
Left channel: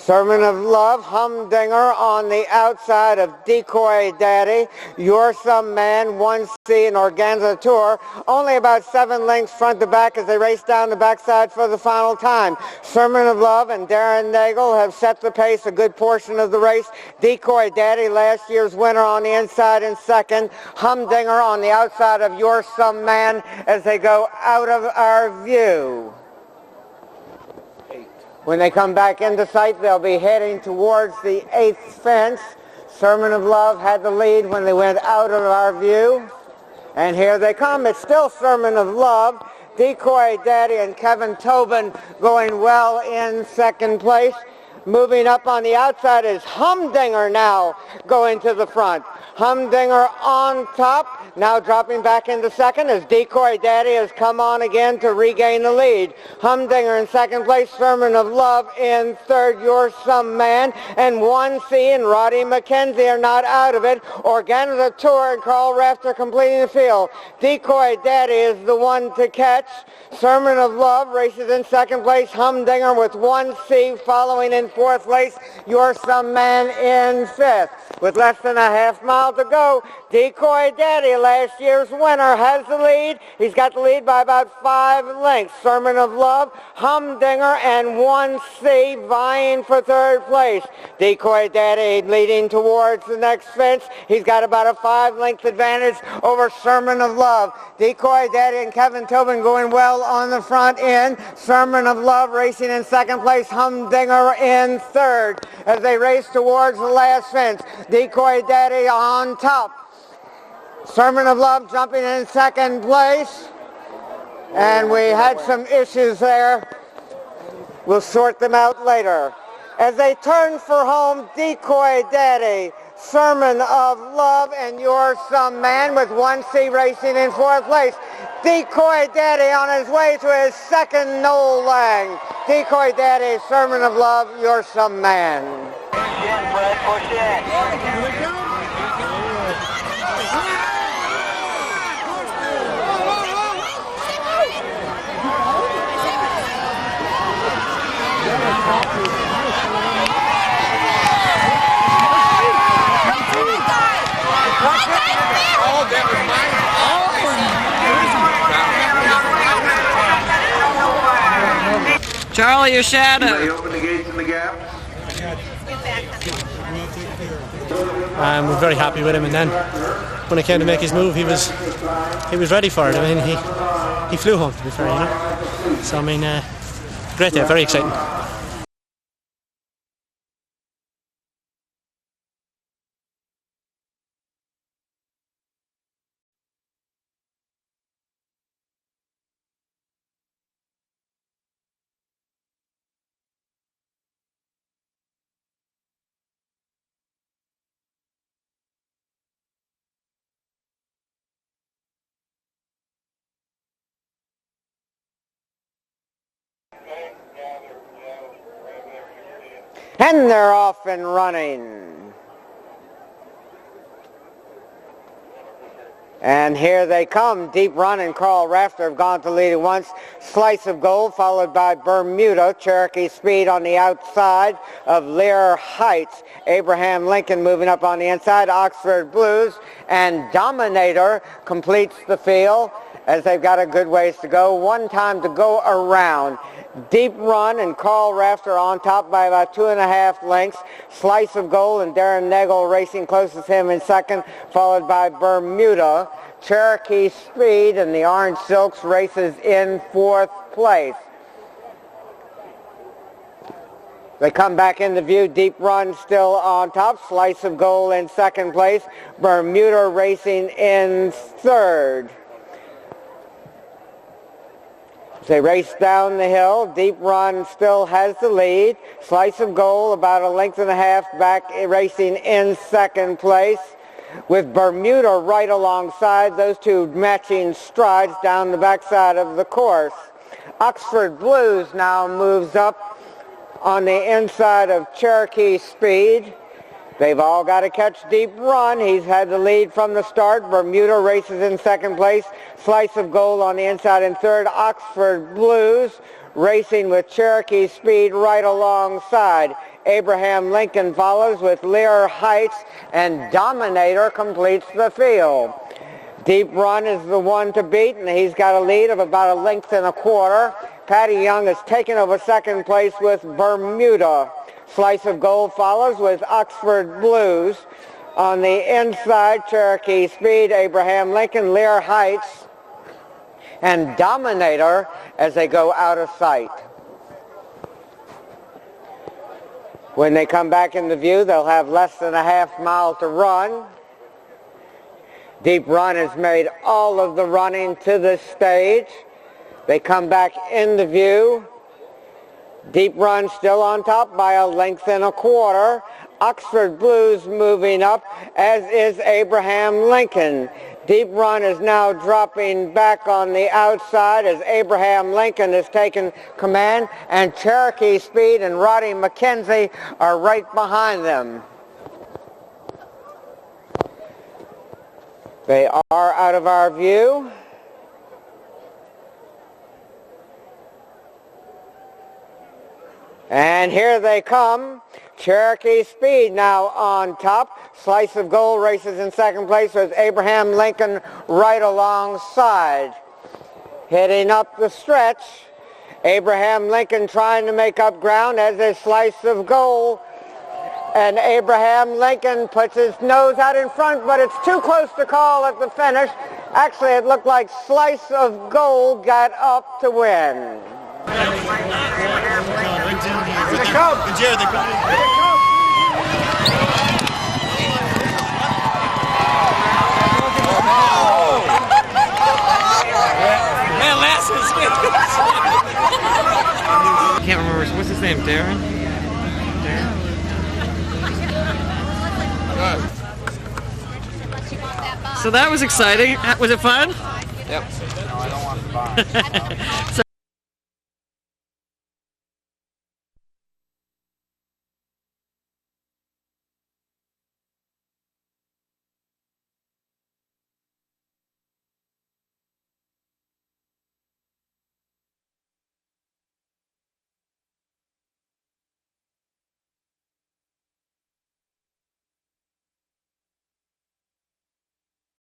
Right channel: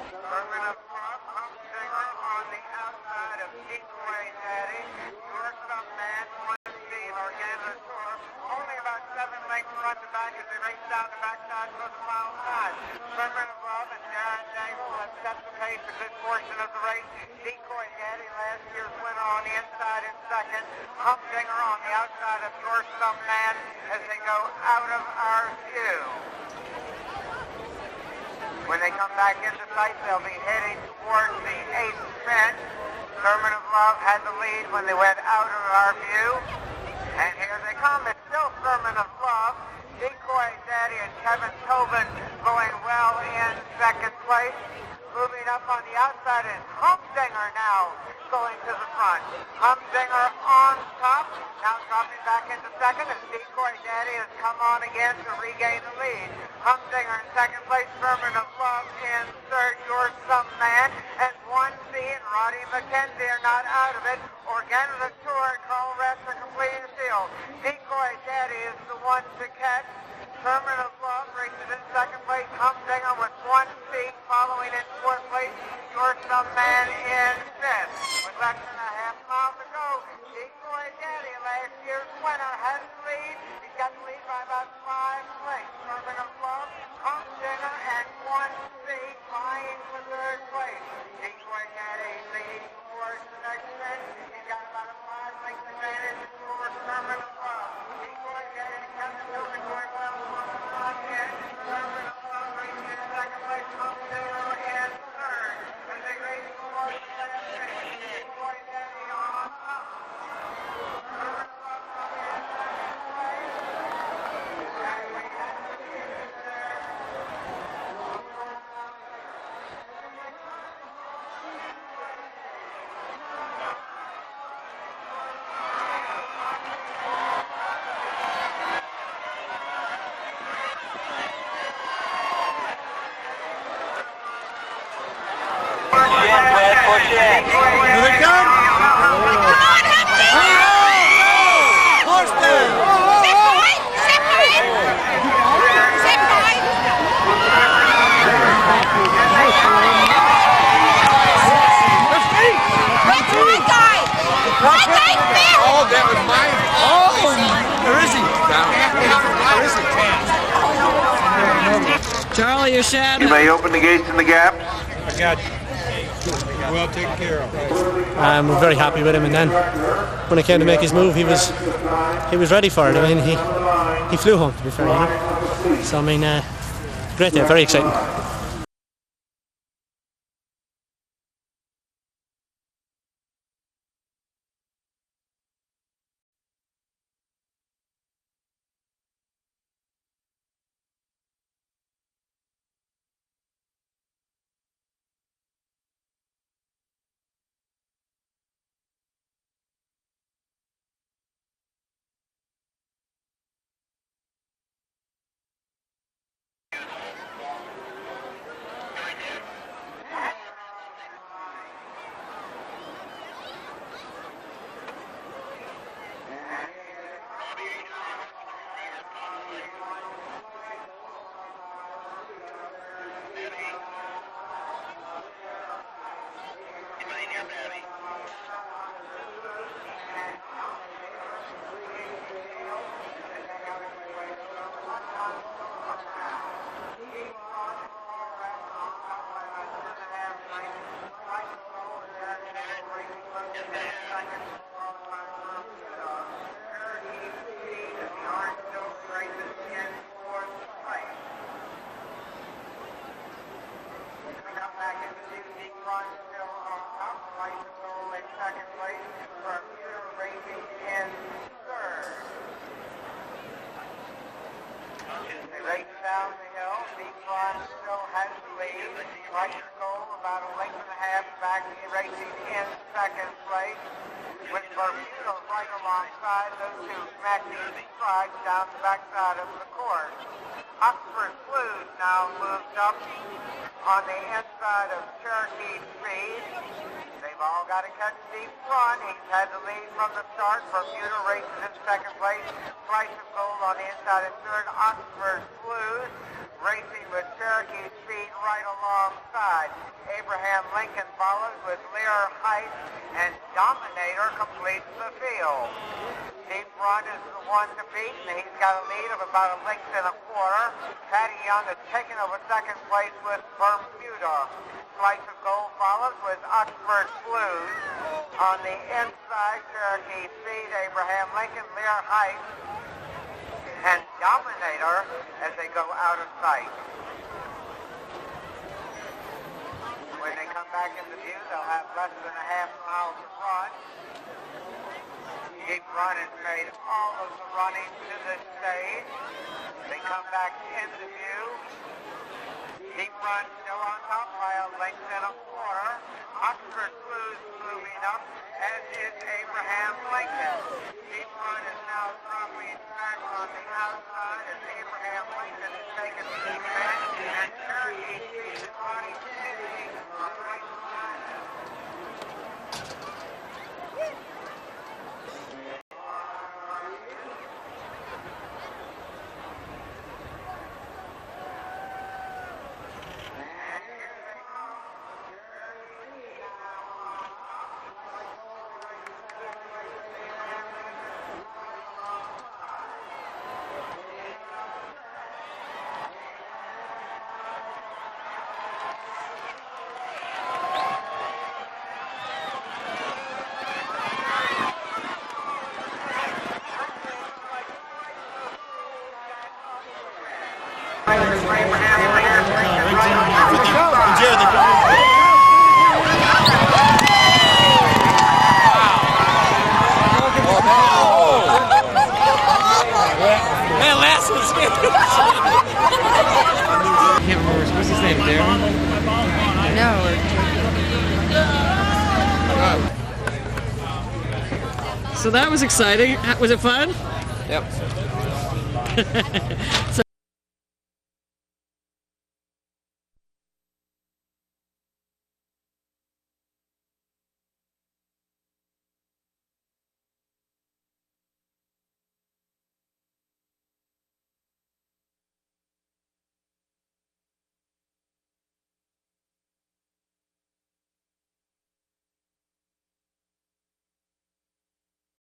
Sermon of Love, Humdinger on the outside of Decoy Daddy. Your Some Man, 1C, and Organizator. Only about 7 lengths front to back as they race down the backside for the final time. Sermon of Love and Darren Nagel have set the pace a good portion of the race. Decoy Daddy, last year's winner, on the inside in second. Humdinger on the outside of Your Some Man as they go out of our view. When they come back into sight, they'll be heading towards the eighth fence. Sermon of Love had the lead when they went out of our view. And here they come. It's still Sermon of Love. Decoy Daddy and Kevin Tobin going well in second place. Moving up on the outside is Humdinger now going to the front. Humdinger on top, now dropping back into second as Decoy Daddy has come on again to regain the lead. Humdinger in second place, Sermon of Love in third, Your Some Man, and 1C and Roddy McKenzie are not out of it. Organizator and Carl Rafter completing the field. Decoy Daddy is the one to catch. Sermon of Love races in second place. Humdinger with 1C following in fourth place. Your Some Man in fifth. With less than a half mile to go, Decoy Daddy, last year's winner, has the lead. He's got the lead by about 5 lengths. Sermon of Love, Humdinger, and 1C vying for third place. Decoy Daddy leading towards the next fence. He's got about a 5-length advantage over Sermon of Love. Decoy Daddy and Kevin Tobin going well on the front end. Sermon of Love racing in second place. Humdinger in third as they race towards the last fence. Decoy Daddy on top. Sermon of Love jumping in second place. And we had some issues there. We'll sort them out later. As they turn for home, Decoy Daddy Sermon of Love, and You're Some Man with 1C racing in 4th place. Decoy Daddy on his way to his second Noel Laing. Decoy Daddy, Sermon of Love, You're Some Man. Oh, that was mine. Oh, where is he? Charlie, your shadow. You may open the gates and the gaps. I got you. Well taken care of. We're very happy with him, and then when it came to make his move, he was ready for it. I mean, he flew home, to be fair, you know. So I mean, great day, very exciting. And they're off and running. And here they come. Deep Run and Carl Rafter have gone to lead at once. Slice of Gold followed by Bermuda. Cherokee Speed on the outside of Lear Heights. Abraham Lincoln moving up on the inside. Oxford Blues and Dominator completes the field as they've got a good ways to go. One time to go around. Deep Run and Carl Rafter on top by about 2.5 lengths. Slice of Gold and Darren Nagel racing closest to him in second, followed by Bermuda. Cherokee Speed and the Orange Silks races in 4th place. They come back into view. Deep Run still on top. Slice of Gold in 2nd place. Bermuda racing in 3rd. They race down the hill. Deep Run still has the lead. Slice of Gold about 1.5 lengths back, racing in 2nd place. With Bermuda right alongside, those two matching strides down the backside of the course. Oxford Blues now moves up on the inside of Cherokee Speed. They've all got to catch Deep Run. He's had the lead from the start. Bermuda races in 2nd place. Slice of Gold on the inside in 3rd. Oxford Blues racing with Cherokee Speed right alongside. Abraham Lincoln follows with Lear Heights, and Dominator completes the field. Deep Run is the one to beat, and he's got a lead of about 1.25 lengths. Patty Young has taken over 2nd place with Bermuda. Slice of Gold follows with Oxford Blues. On the inside, Cherokee Speed, Abraham Lincoln, Lear Heights, and Dominator as they go out of sight. When they come back into view, they'll have less than a half mile to run. Deep Run has made all of the running to this stage. They come back into view. Deep Run still on top by 1.25 lengths. Oxford Blues moving up, as is Abraham Lincoln. Deep Run is now dropping back on the outside as Abraham Lincoln has taken command, and Cherokee Speed and Roddy McKenzie are right behind them. They are out of our view. And here they come. Cherokee Speed now on top. Slice of Gold races in 2nd place with Abraham Lincoln right alongside. Heading up the stretch, Abraham Lincoln trying to make up ground, as is Slice of Gold. And Abraham Lincoln puts his nose out in front, but it's too close to call at the finish. Actually, it looked like Slice of Gold got up to win. Man, last one's good. I can't remember. What's his name? Darren? No. So that was exciting. Was it fun? Yep. So